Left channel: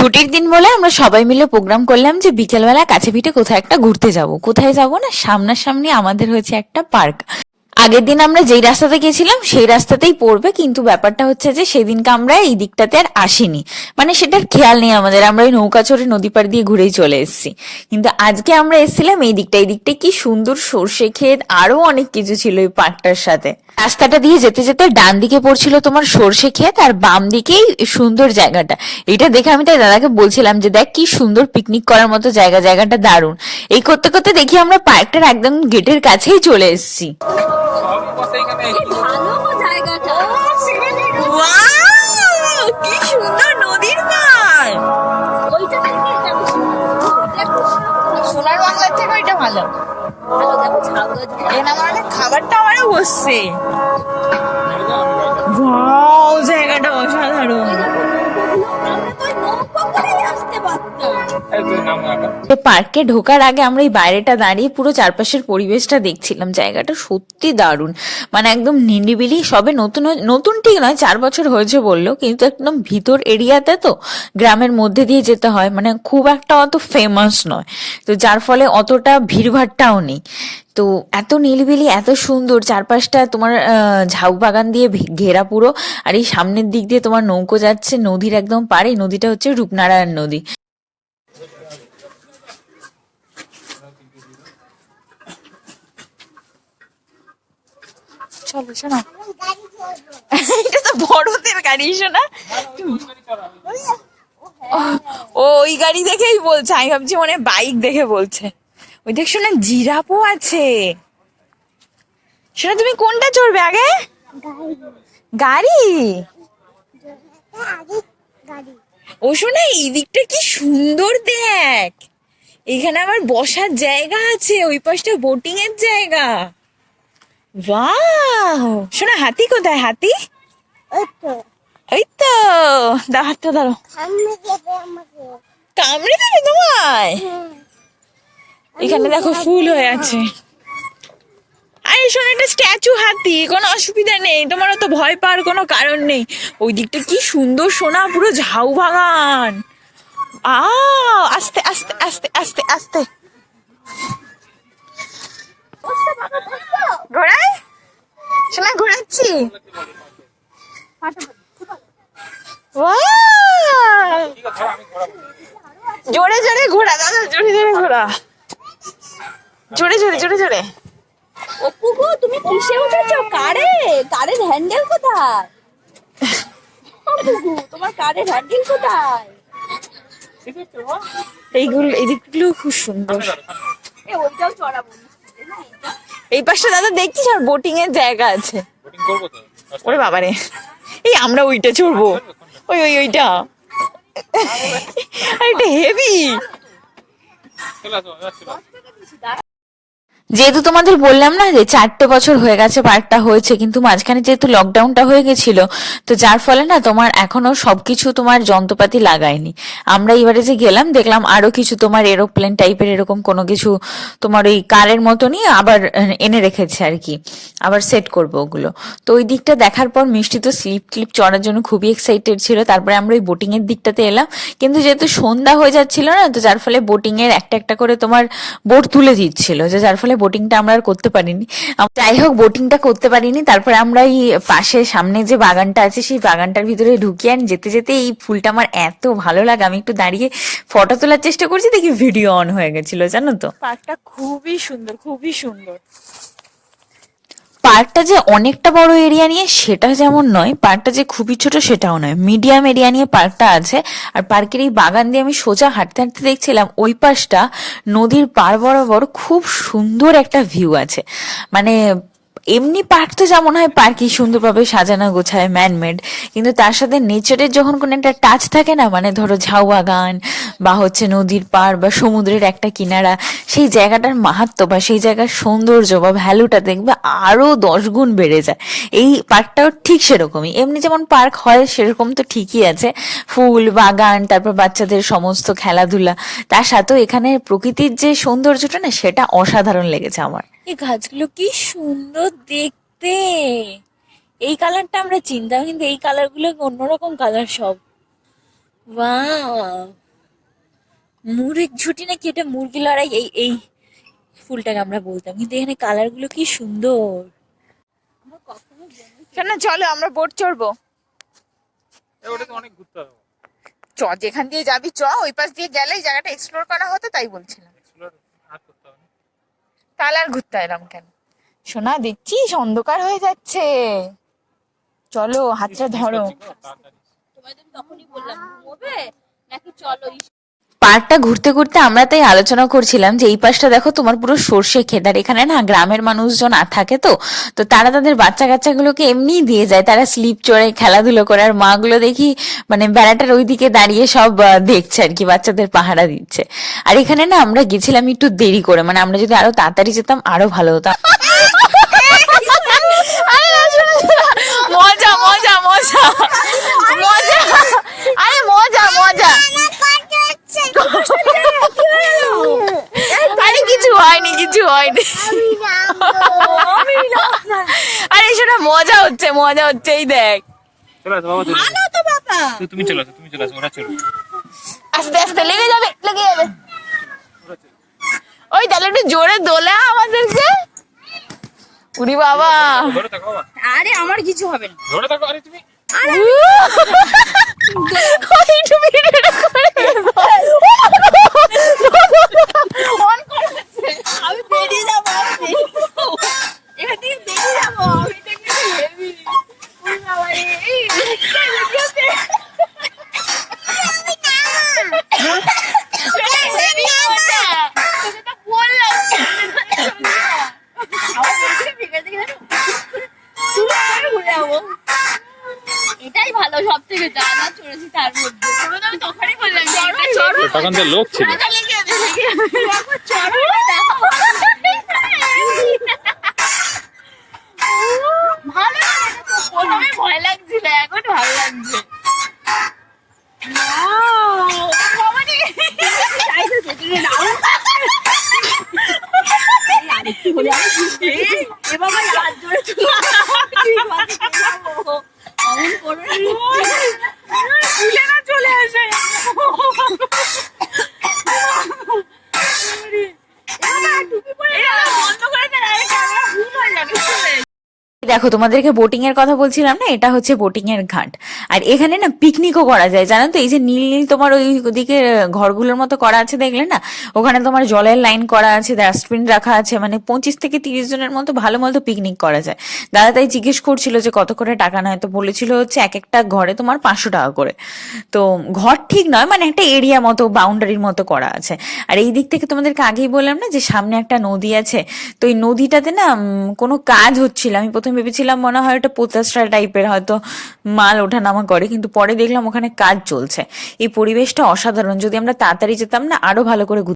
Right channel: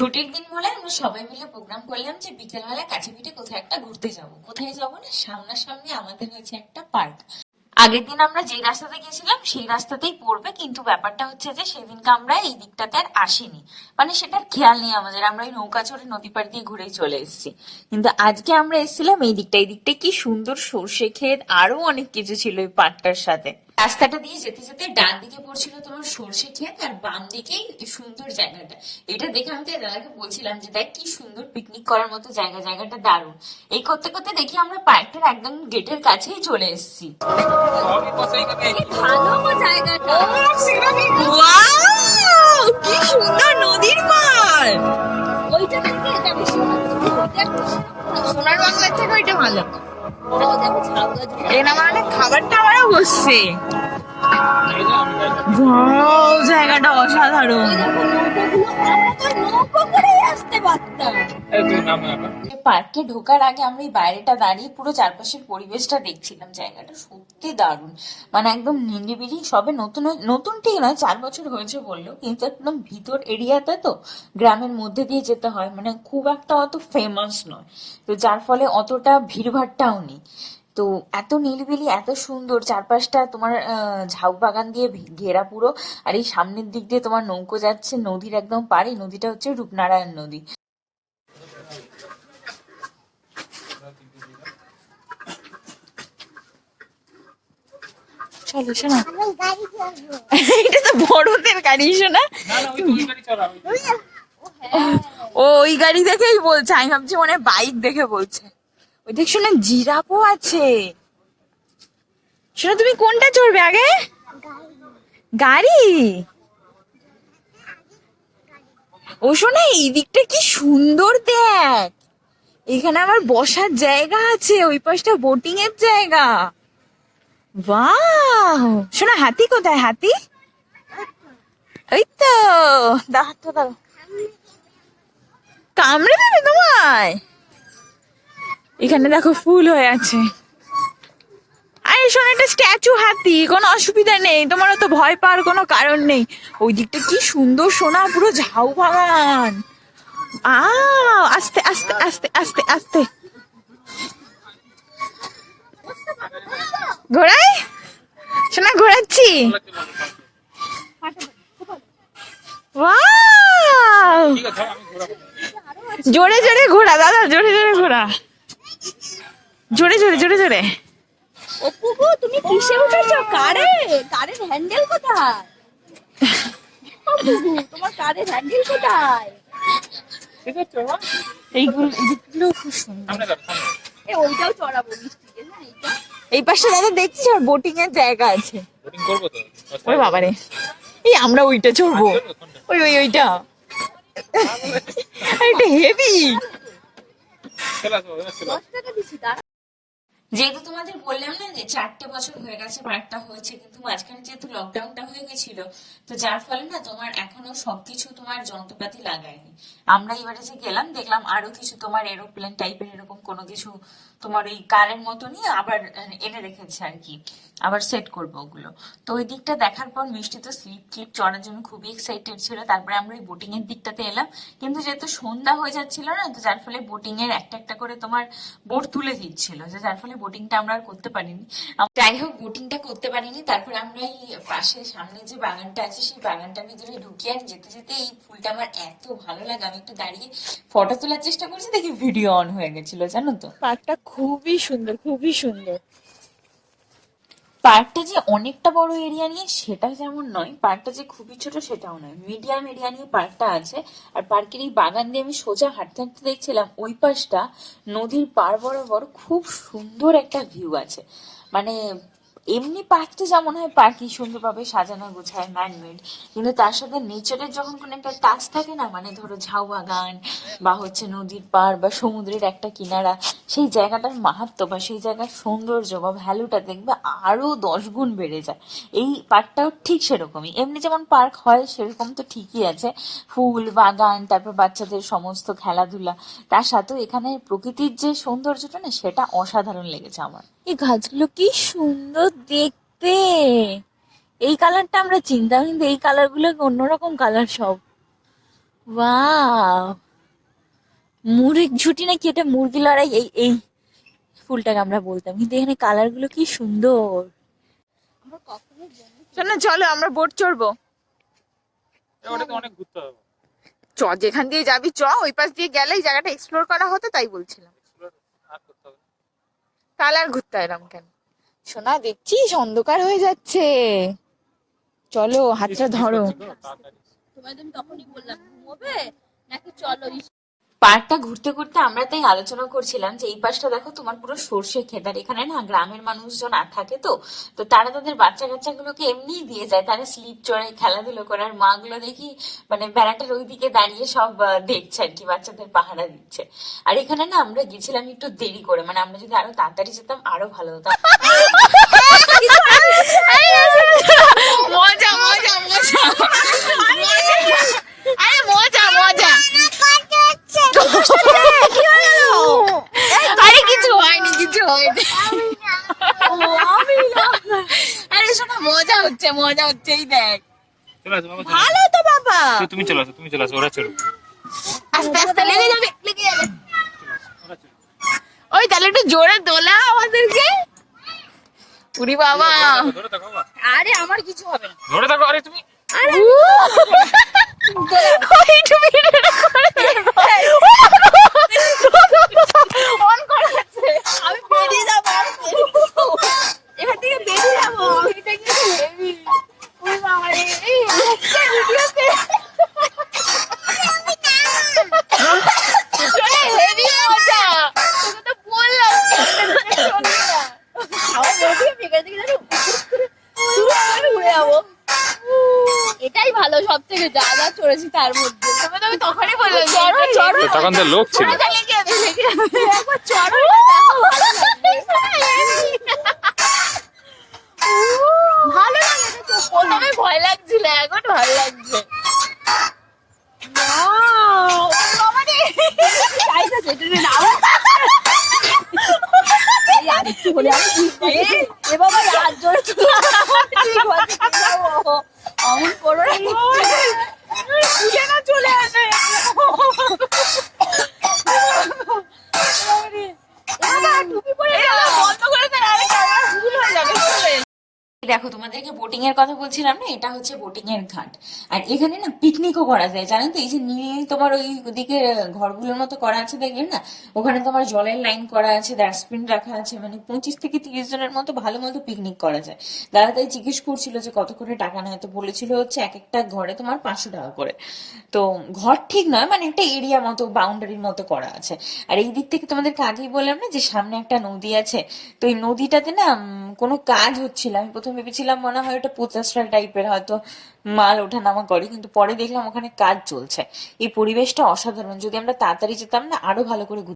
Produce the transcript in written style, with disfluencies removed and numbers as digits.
ছুটির দিন বলে আমরা সবাই মিলে প্রোগ্রাম করলাম যে বিকেলবেলা কাছে পিঠে কোথায় একটা ঘুরতে যাব। কোথায় যাব না, সামনাসামনি আমাদের হয়েছে একটা পার্ক। আগের দিন আমরা যেই রাস্তাতে গেছিলাম সেই রাস্তাতেই পড়বে, কিন্তু ব্যাপারটা হচ্ছে যে সেদিনকে আমরা এই দিকটাতে আর আসিনি, মানে সেটার খেয়াল নেই আমাদের, আমরা ওই নৌকা চড়ে নদী পাড় দিয়ে ঘুরেই চলে এসেছি। কিন্তু আজকে আমরা এসেছিলাম এই দিকটা, এই দিকটা কি সুন্দর সর্ষে ক্ষেত আরো অনেক কিছু ছিল এই পার্কটার সাথে। রাস্তাটা দিয়ে যেতে যেতে ডান দিকে পড়ছিল তোমার সর্ষে ক্ষেত আর বাম দিকেই সুন্দর জায়গাটা। এটা দেখে আমি তাই দাদাকে বলছিলাম যে দেখ কি সুন্দর পিকনিক করার মতো জায়গা, জায়গাটা দারুণ। এই করতে করতে দেখি আমরা পার্কটার একদম গেটের কাছেই চলে এসেছি। কি সুন্দর নদীর পাড়, সোনার বাংলার থেকে ওইটা ভালো। খাবারটা আমারও বসছে, জায়গাটা অসাধারণ। পার্কে ঢোকার আগে আমরা এই বাইরেটা দাঁড়িয়ে পুরো চারপাশের পরিবেশটা দেখছিলাম। জায়গাটা সত্যি দারুণ, মানে একদম নিরিবিলি। সবে নতুন নতুন ঠিক নয়, 4 বছর হয়েছে বললো, কিন্তু একদম ভিতর এরিয়াতে তো, গ্রামের মধ্যে দিয়ে যেতে হয়, মানে খুব একটা অত ফেমাস নয়, তো যার ফলে অতটা ভিড়ভাট্টাও নেই। তো এত নিরিবিলি, এত সুন্দর, চারপাশটা তোমার ঝাউ বাগান দিয়ে ঘেরা পুরো। আর এই সামনের দিক দিয়ে তোমার নৌকো যাচ্ছে নদীর একদম পাড়ে। নদীটা হচ্ছে রূপনারায়ণ নদী। চলো শোনা, এটা তো বড়দের গাড়ি শোনা। ও ওই গাড়ি দেখেই বলছে, আমি ভাবছি মনে বাইক দেখে বলছে। ওই দেখ শোনা, জিরাফও আছে। শোনা তুমি কোনটা চড়বে আগে? গাড়ি। ও শোনা, এই দিকটা কি সুন্দর দেখ, এখানে আমার বসার জায়গা আছে, ওই পাশটা বোটিং এর জায়গা। বাহ, শোনা হাতি কোথায়? হাতি ওই তো, দাও হাতটা ধরো। কামড়ে দেবে তোমায়? এখানে দেখো ফুল হয়ে আছে। আরে শোনো, একটা স্ট্যাচু হাতি, কোনো অসুবিধা নেই, তোমার তো ভয় পাওয়ার কোনো কারণ নেই। ওই দিকটা কি সুন্দর সোনা, পুরো ঝাউ বাগান। আস্তে আস্তে আস্তে আস্তে আস্তে ঘোরাই শোনা, ঘোরাচ্ছি। জোরে জোরে ঘোরা দাদা, জোরে জোরে ঘোরা, জোরে জোরে জোরে জোরে। অপুগো তুমি কিসে উঠেছো? কারের হ্যান্ডেল কোথায়? অপুগো তোমার কারের হ্যান্ডেল কোথায়? এইগুলো, এই দিকগুলো খুব সুন্দর। ওইটাও চড়াবো। এই পাশটা দাদা দেখছিস, আর বোটিং এর জায়গা আছে। ওরে বাবারে, এই আমরা ওইটা চড়বো, ওইটা এটা হেভি। যেহেতু তোমাদের বললাম না যে 4টে বছর হয়ে গেছে পার্কটা হয়েছে, কিন্তু মাঝখানে যেহেতু লকডাউনটা হয়ে গেছিল, তো যার ফলে না তোমার এখনো সবকিছু তোমার যন্ত্রপাতি লাগায়নি। আমরা এবারে যে গেলাম দেখলাম আরো কিছু তোমার এরোপ্লেন টাইপের এরকম কোনো কিছু তোমার ওই কারের মতনই আবার এনে রেখেছে আর কি, আবার সেট করবো ওগুলো। তো ওই দিকটা দেখার পর মিষ্টি তো স্লিপ ক্লিপ চড়ার জন্য খুবই এক্সাইটেড ছিল। তারপরে আমরা ওই বোটিং এর দিকটাতে এলাম, কিন্তু যেহেতু সন্ধ্যা হয়ে যাচ্ছিল না, তো যার ফলে বোটিং এর একটা একটা করে তোমার বোট তুলে দিচ্ছিল, যে যার ফলে বোটিংটা আমরা আর করতে পারিনি। যাই হোক, বোটিংটা করতে পারিনি। তারপরে আমরা এই পাশে সামনে যে বাগানটা আছে সেই বাগানটার ভিতরে ঢুকিয়ে যেতে যেতে এই ফুলটা আমার এত ভালো লাগে, আমি একটু দাঁড়িয়ে ফটো তোলার চেষ্টা করছি, দেখি ভিডিও অন হয়ে গেছিল, জানো তো। পার্কটা খুবই সুন্দর, খুবই সুন্দর। পার্কটা যে অনেকটা বড় এরিয়া নিয়ে সেটা যেমন নয়, পার্কটা যে খুবই ছোট সেটাও নয়, মিডিয়াম এরিয়া নিয়ে পার্কটা আছে। আর পার্কের এই বাগান দিয়ে আমি সোজা হাঁটতে হাঁটতে দেখছিলাম ওই পাশটা নদীর পাড় বরাবর খুব সুন্দর একটা ভিউ আছে। মানে এমনি পার্ক তো যেমন হয় পার্কই সুন্দরভাবে সাজানো গোছায় ম্যানমেড, কিন্তু তার সাথে নেচারের যখন কোনো একটা টাচ থাকে না, মানে ধরো ঝাউ বাগান বা হচ্ছে নদীর পাড় বা সমুদ্রের একটা কিনারা, সেই জায়গাটার মাহাত্ম্য বা সেই জায়গার সৌন্দর্য বা ভ্যালুটা দেখবে আরো 10 গুণ বেড়ে যায়। এই পার্কটাও ঠিক সেরকমই, এমনি যেমন পার্ক হয় সেরকম তো ঠিকই আছে, ফুল বাগান, তারপর বাচ্চাদের সমস্ত খেলাধুলা, তার সাথেও এখানে প্রকৃতির যে সৌন্দর্যটা না সেটা অসাধারণ লেগেছে আমার। এই গাছগুলো কি সুন্দর দেখতে, এই কালারটা আমরা চিনতাম, কিন্তু এই কালার গুলো অন্যরকম কালার সব। ওয়াও, মুরগ ঝুটি নাকি এটা, মুরগি লড়াই, এই এই ফুলটাকে আমরা বলতাম, কিন্তু এখানে কালার গুলো কি সুন্দর। আমার কখনো জমি শোনো চলো আমরা বোট চড়বো। ওটা তো অনেক ঘুরতে হবে। চ, যেখান দিয়ে যাবি চ, ওই পাশ দিয়ে গেলে এই জায়গাটা এক্সপ্লোর করা হতো, তাই বলছিলাম। Explore আর করতে হবে না। তাহলে আর ঘুরতে এলাম কেন? সোনা দেখছিস অন্ধকার হয়ে যাচ্ছে, চলো হাতটা ধরো। তাড়াতাড়ি। তোমায় তো আমি তখনই বললাম ঘুমোবে নাকি চলো। পার্কটা ঘুরতে ঘুরতে আমরা তাই আলোচনা করছিলাম যে এই পাশটা দেখো তোমার পুরো সর্ষে ক্ষেত, আর এখানে না গ্রামের মানুষজন আর থাকে, তো তো তারা তাদের বাচ্চা কাচ্চাগুলোকে এমনি দিয়ে যায়, তারা স্লিপ চড়ে খেলাধুলো করে, আর মা গুলো দেখি মানে বেড়াটার ওইদিকে দাঁড়িয়ে সব দেখছে আর কি, বাচ্চাদের পাহারা দিচ্ছে। আর এখানে না আমরা গেছিলাম একটু দেরি করে, মানে আমরা যদি আরো তাড়াতাড়ি যেতাম আরো ভালো হতো। মজা মজা মজা মজা, আরে মজা মজা। আরে কিছু হয়নি, কিছু হয়নি। আরে শোনা, মজা হচ্ছে, মজা হচ্ছে, এই দেখ। চলে আসো বাবা, চলে আসো। ভালো তো বাবা। তুমি চলে আসো, তুমি চলে আসো, ওরা চলে। আস্তে আস্তে লেগে যাবে, লেগে যাবে। ওরা চলে। ওই তাহলে একটু জোরে দোলা আমাদেরকে। উরি বাবা, ধরে থাকো বাবা, আরে আমার কিছু হবে না। ধরে থাকো। আরে তুমি ওই একটু ভিডিওটা করে দেবো। অন করা আছে। আমি বেরিয়ে যাবো, আমি বেরিয়ে যাবো। এখান থেকে বেরিয়ে যাবো। আমি তো একটু heavy। ওই বাবা রে, এই একটা ভিডিওতে হেভি মজা, তোকে তো বললাম শোনি না। আমার বলছি এখান থেকে যেন শুরু করে ঘুরে যাবো। এটাই ভালো সব থেকে, যা যা চড়েছি তার মধ্যে। তোকে তো আমি তখনই বললাম যে চড়ো, এটা চড়ো। তখন তো লোক ছিল। মজা লেগে যাবে, লেগে যাবে। একবার চড়ো, এটা দেখো। ভালো লাগে তো, প্রথমে ভয় লাগছিল, এখন ভালো লাগছে। Wow! বাবা রে! চাইতেছে, তুমি নাও। এই আরেকটু হলে আমি বুঝতে। এ বাবা হাত জোরে চলে। ঠিক আছে, যাবো। অমন করো না। তুলে না চলে আসে। বাবা, টুপি পরে এটা বন্ধ করে দেন, আরে ক্যামেরা ভুল হয়ে যাবে, চলে। দেখো তোমাদেরকে বোটিং এর কথা বলছিলাম না, এটা হচ্ছে বোটিং এর ঘাট। আর এখানে না পিকনিকও করা যায়, জানো তো? এই যে নীল নীল তোমার ওই ওদিকে ঘরগুলোর মতো করা আছে দেখলে না, ওখানে তোমার জলের লাইন করা আছে, ডাস্টবিন রাখা আছে, মানে 25 থেকে 30 জনের মতো ভালো মতো পিকনিক করা যায়। দাদা তাই জিজ্ঞেস করছিল যে কত করে টাকা নেয়, তো বলেছিল হচ্ছে এক একটা ঘরে তোমার 500 টাকা করে। তো ঘর ঠিক নয়, মানে একটা এরিয়া মতো বাউন্ডারির মতো করা আছে। আর এই দিক থেকে তোমাদেরকে আগেই বললাম না যে সামনে একটা নদী আছে, তো এই নদীটাতে না কোনো কাজ হচ্ছিল। আমি প্রথমে ভেবেছিলাম মনে হয় এটা পোতাশ্রয় টাইপের, হয়তো মাল ওঠানামা করে, কিন্তু পরে দেখলাম ওখানে কাজ চলছে। এই পরিবেশটা অসাধারণ, যদি আমরা তাড়াতাড়ি যেতাম না আরো ভালো করে